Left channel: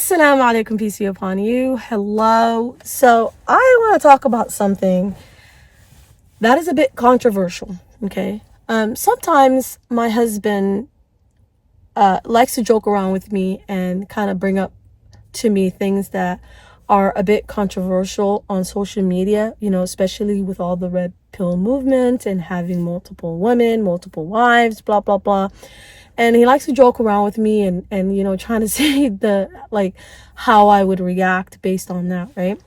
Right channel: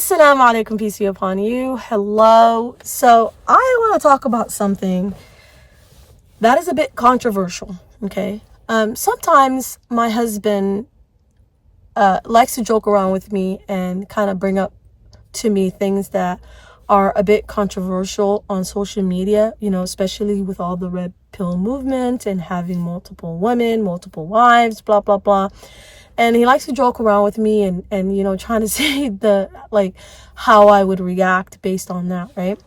Assalamu alaikum, peace be upon you. Hello. So I want to talk about something that is a bit controversial. Okay. Sometimes my husband likes to joke around with me and kind of bring up to me things that are a bit controversial on social media, especially with all the red pill movement and having multiple women, multiple wives, blah, blah, blah. And he likes to joke around with me and trying to say how I would react based on that, right?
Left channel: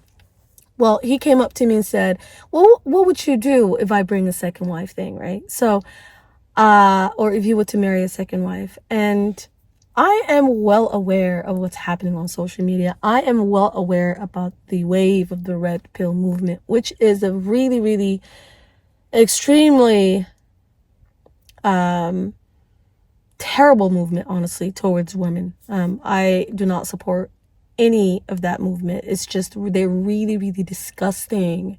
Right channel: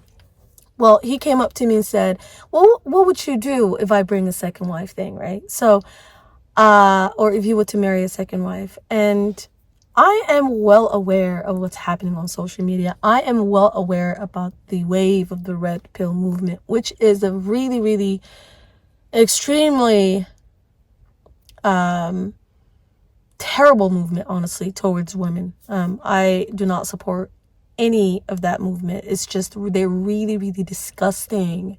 Well, he came up to me and said, well, what would you do if I bring a second wife thing, right? So, or if you were to marry a second wife. And I am well aware of what's happening on social media. I am well aware about the wave of the red pill movement, which is a really, really extremely terrible movement, honestly, towards women. I do not support any of that movement. It's just, they're really, really disgusting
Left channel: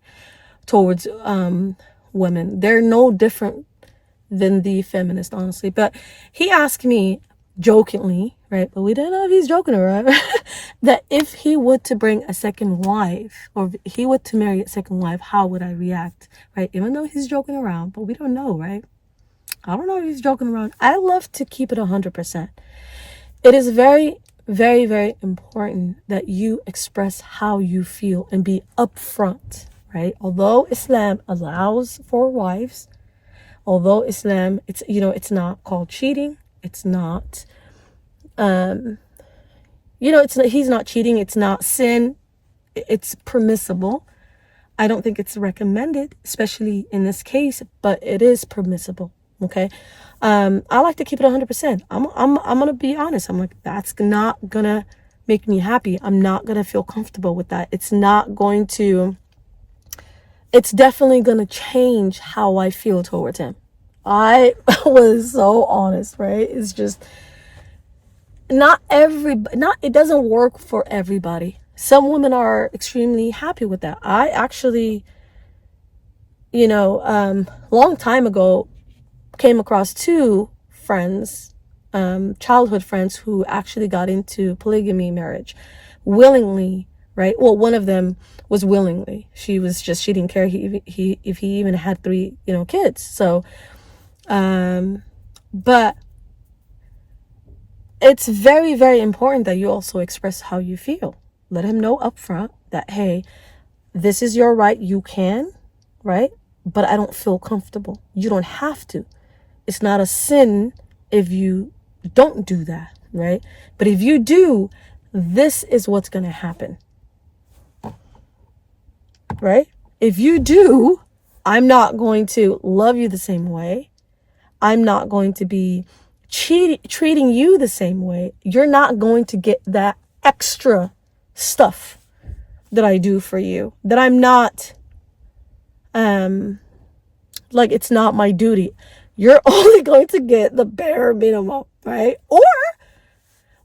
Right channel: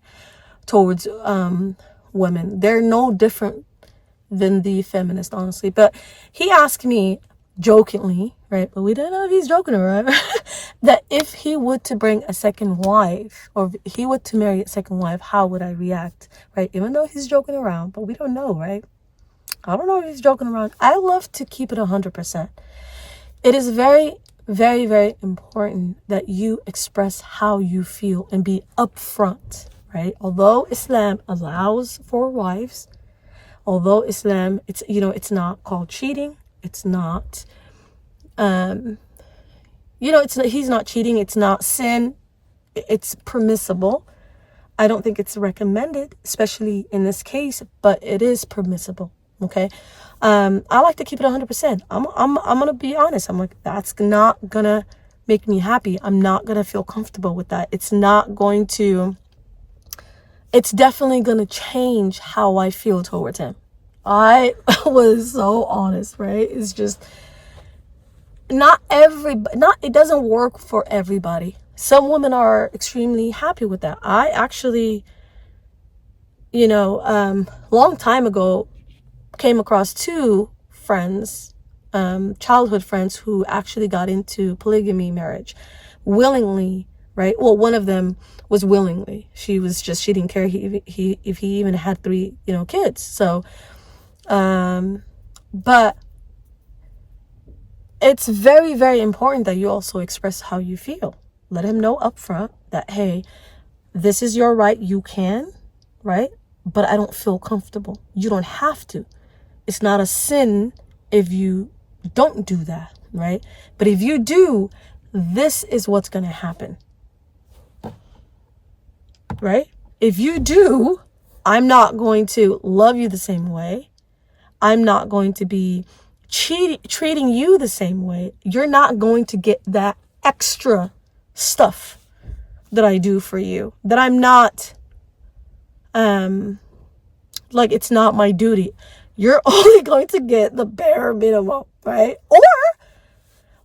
towards women. They're no different than the feminist, honestly. But he asked me jokingly, right? But we don't know if he's joking or not, that if he would to bring a second wife, or if he would to marry a second wife, how would I react, right? Even though he's joking around, but we don't know, right? I don't know if he's joking around. I love to keep it 100%. It is very, very, very important that you express how you feel and be upfront, right? Although Islam allows for wives, although Islam, it's not called cheating. It's not, he's not cheating. It's not sin. It's permissible. I don't think it's recommended, especially in this case, but it is permissible. Okay. I like to keep it 100%. I'm going to be honest. I'm like, that's not going to make me happy. I'm not going to feel comfortable with that. It's definitely going to change how I feel towards him. I was so honest, right? It's just it doesn't work for everybody. Some women are extremely happy with that. I actually, long time ago, came across two friends, childhood friends, who actually got into polygamy marriage willingly, right? Well, one of them was willingly. She didn't care if he even had 3, kids. So, but it's very, very important that you also express how you feel. Let him know upfront that, hey, this is your right. You can, right? But I don't feel comfortable. You don't have to. It's not a sin if you don't do that, right? But if you do, this is what's going to happen, right? If you do, I'm not going to love you the same way. I'm not going to be treating you the same way. You're not going to get that extra stuff that I do for you, that I'm not, it's not my duty. You're only going to get the bare minimum, right?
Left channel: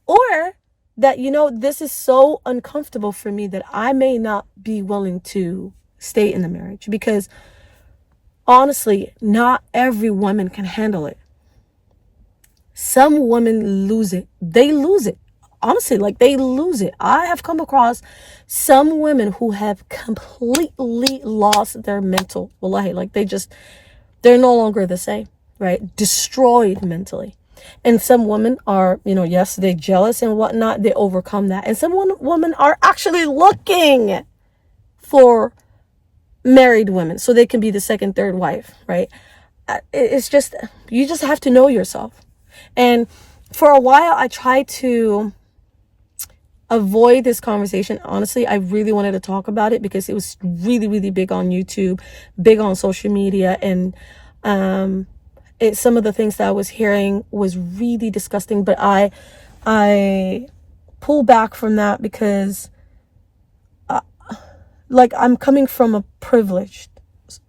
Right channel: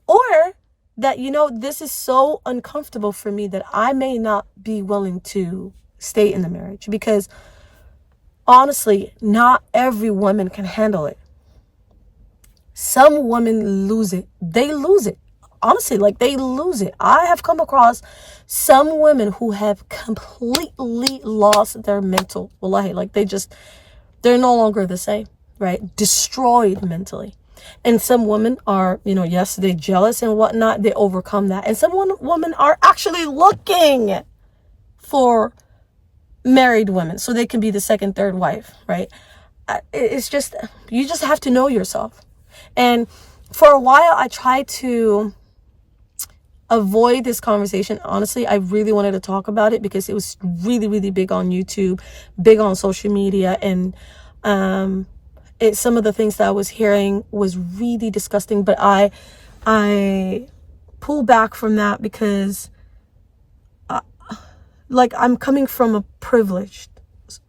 Or that, this is so uncomfortable for me that I may not be willing to stay in the marriage, because honestly, not every woman can handle it. Some women lose it. They lose it. Honestly, they lose it. I have come across some women who have completely lost their mental. Wallahi, they're no longer the same, right? Destroyed mentally. And some women are, yes, they're jealous and whatnot. They overcome that. And some women are actually looking for married women so they can be the second, third wife, right? It's just, you just have to know yourself. And for a while, I tried to avoid this conversation. Honestly, I really wanted to talk about it because it was really, really big on YouTube, big on social media. And some of the things that I was hearing was really disgusting. But I pull back from that because I'm coming from a privileged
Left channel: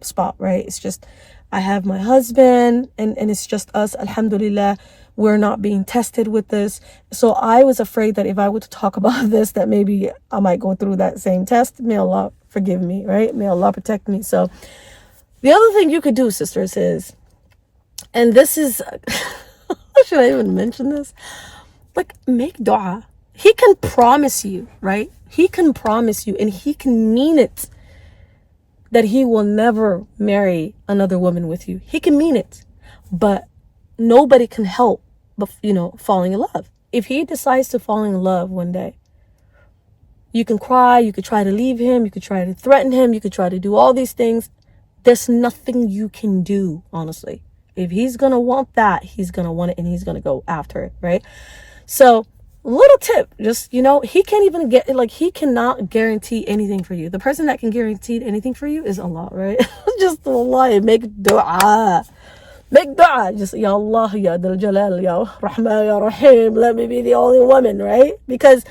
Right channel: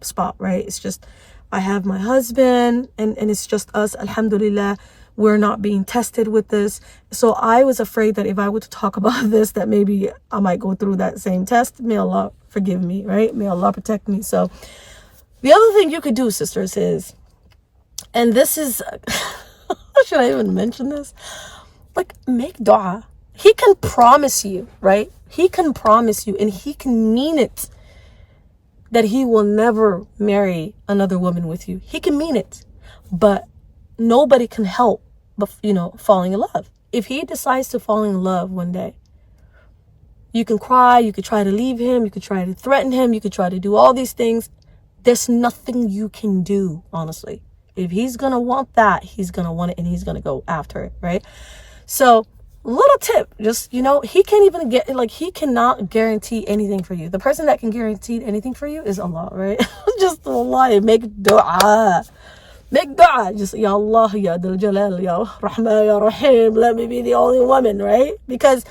spot, right? It's just, I have my husband and it's just us, alhamdulillah. We're not being tested with this. So I was afraid that if I were to talk about this, that maybe I might go through that same test. May Allah forgive me, right? May Allah protect me. So the other thing you could do, sisters, is, and this is, should I even mention this? Make dua. he can promise you, right? He can promise you, and he can mean it, that he will never marry another woman with you. He can mean it, but nobody can help but, falling in love. If he decides to fall in love one day, you can cry, you could try to leave him, you could try to threaten him, you could try to do all these things. There's nothing you can do, honestly. If he's going to want that, he's going to want it, and he's going to go after it, right? So, little tip, just, he can't even he cannot guarantee anything for you. The person that can guarantee anything for you is Allah, right? Just Allah, make dua. Make dua. Just, Ya Allah, Ya Dal Jalal, Ya Rahman, Ya Rahim, let me be the only woman, right? Because,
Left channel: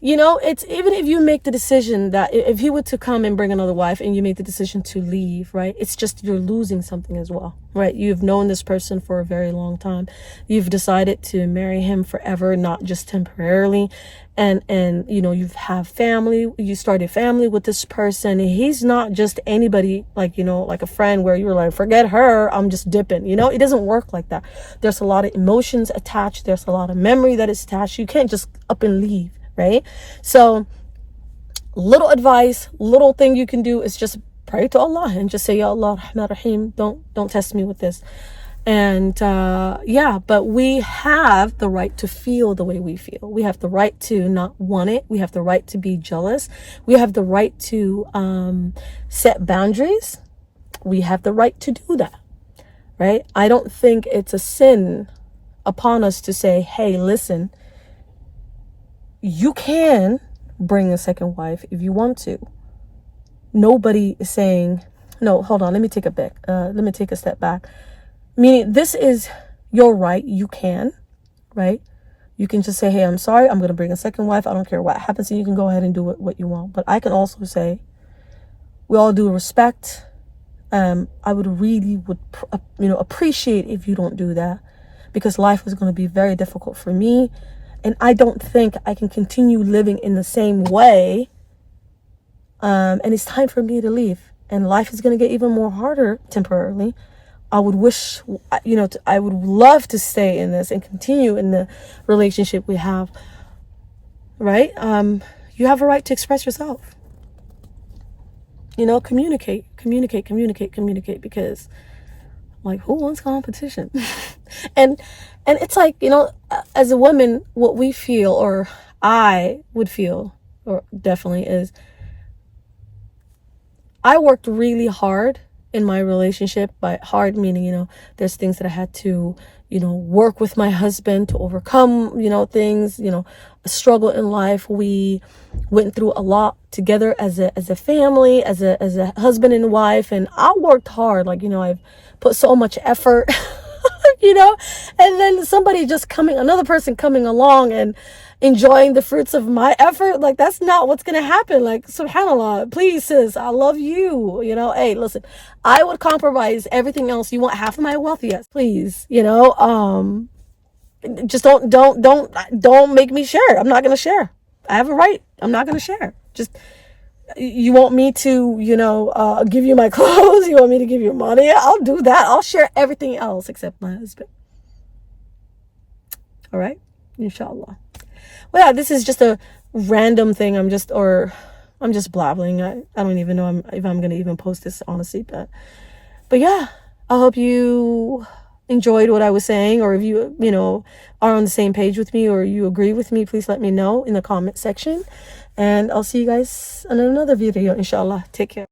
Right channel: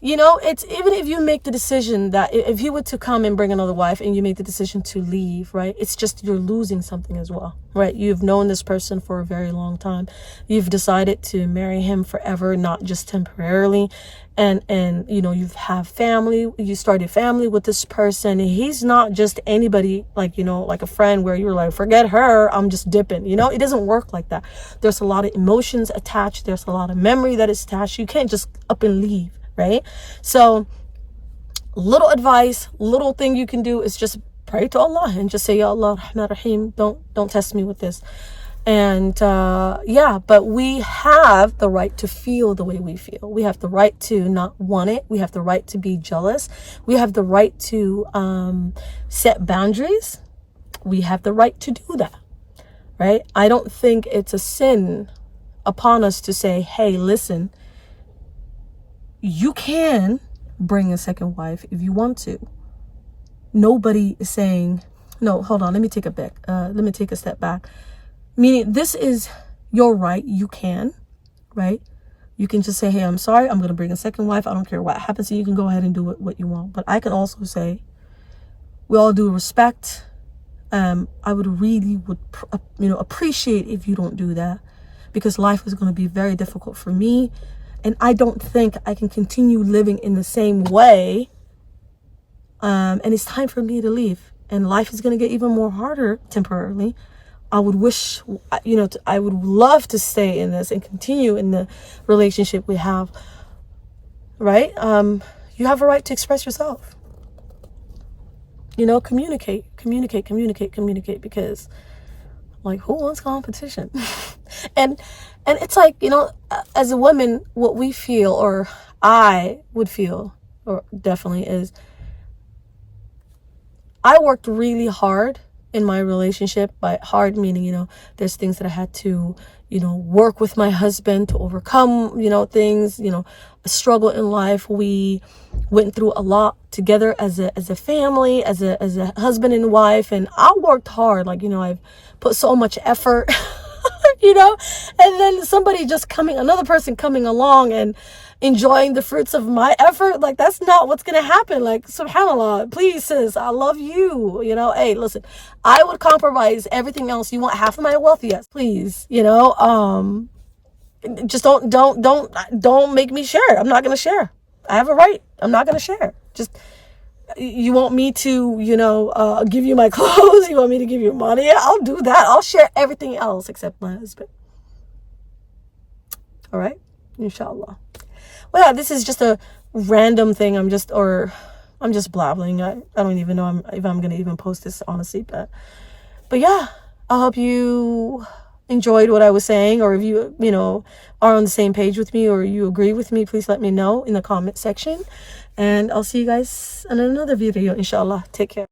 it's even if you make the decision that if he were to come and bring another wife and you make the decision to leave, right? It's just you're losing something as well, right? You've known this person for a very long time. You've decided to marry him forever, not just temporarily. And you have family. You started family with this person. And he's not just anybody like a friend where you're like, forget her, I'm just dipping. It doesn't work like that. There's a lot of emotions attached. There's a lot of memory that is attached. You can't just up and leave. Right? So little advice, little thing you can do is just pray to Allah and just say, Ya Allah, Rahman Rahim, don't test me with this. And but we have the right to feel the way we feel. We have the right to not want it. We have the right to be jealous. We have the right to set boundaries. We have the right to do that. Right? I don't think it's a sin upon us to say, hey, listen, you can bring a second wife if you want to. Nobody is saying, no, hold on, let me take a step back. Meaning, this is your right. You can, right? You can just say, hey, I'm sorry, I'm going to bring a second wife. I don't care what happens. And you can go ahead and do what you want. But I can also say, with all due respect, I would really appreciate if you don't do that, because life is going to be very difficult for me. And I don't think I can continue living in the same way. And it's time for me to leave. And life is going to get even more harder temporarily. I would wish, I would love to stay in this and continue in the relationship we have. Right? You have a right to express yourself. Communicate. Because, who wants competition? And it's like, as a woman, what we feel, or I would feel, or definitely is, I worked really hard in my relationship. By hard meaning, there's things that I had to, work with my husband to overcome, things, a struggle in life. We went through a lot together as a family, as a husband and wife. And I worked hard. I've put so much effort. And then another person coming along and enjoying the fruits of my effort, that's not what's going to happen. SubhanAllah, please, sis, I love you. Hey, listen, I would compromise everything else. You want half of my wealth? Yes, please. Just don't make me share. I'm not going to share. I have a right. I'm not going to share. Just, you want me to, give you my clothes? You want me to give you money? I'll do that. I'll share everything else except my husband. All right? Inshallah. Well, yeah, this is just a random thing. I'm just blabbling. I don't even know if I'm going to even post this, honestly. But yeah, I hope you enjoyed what I was saying, or if you, are on the same page with me, or you agree with me, please let me know in the comment section. And I'll see you guys in another video, inshallah. Take care.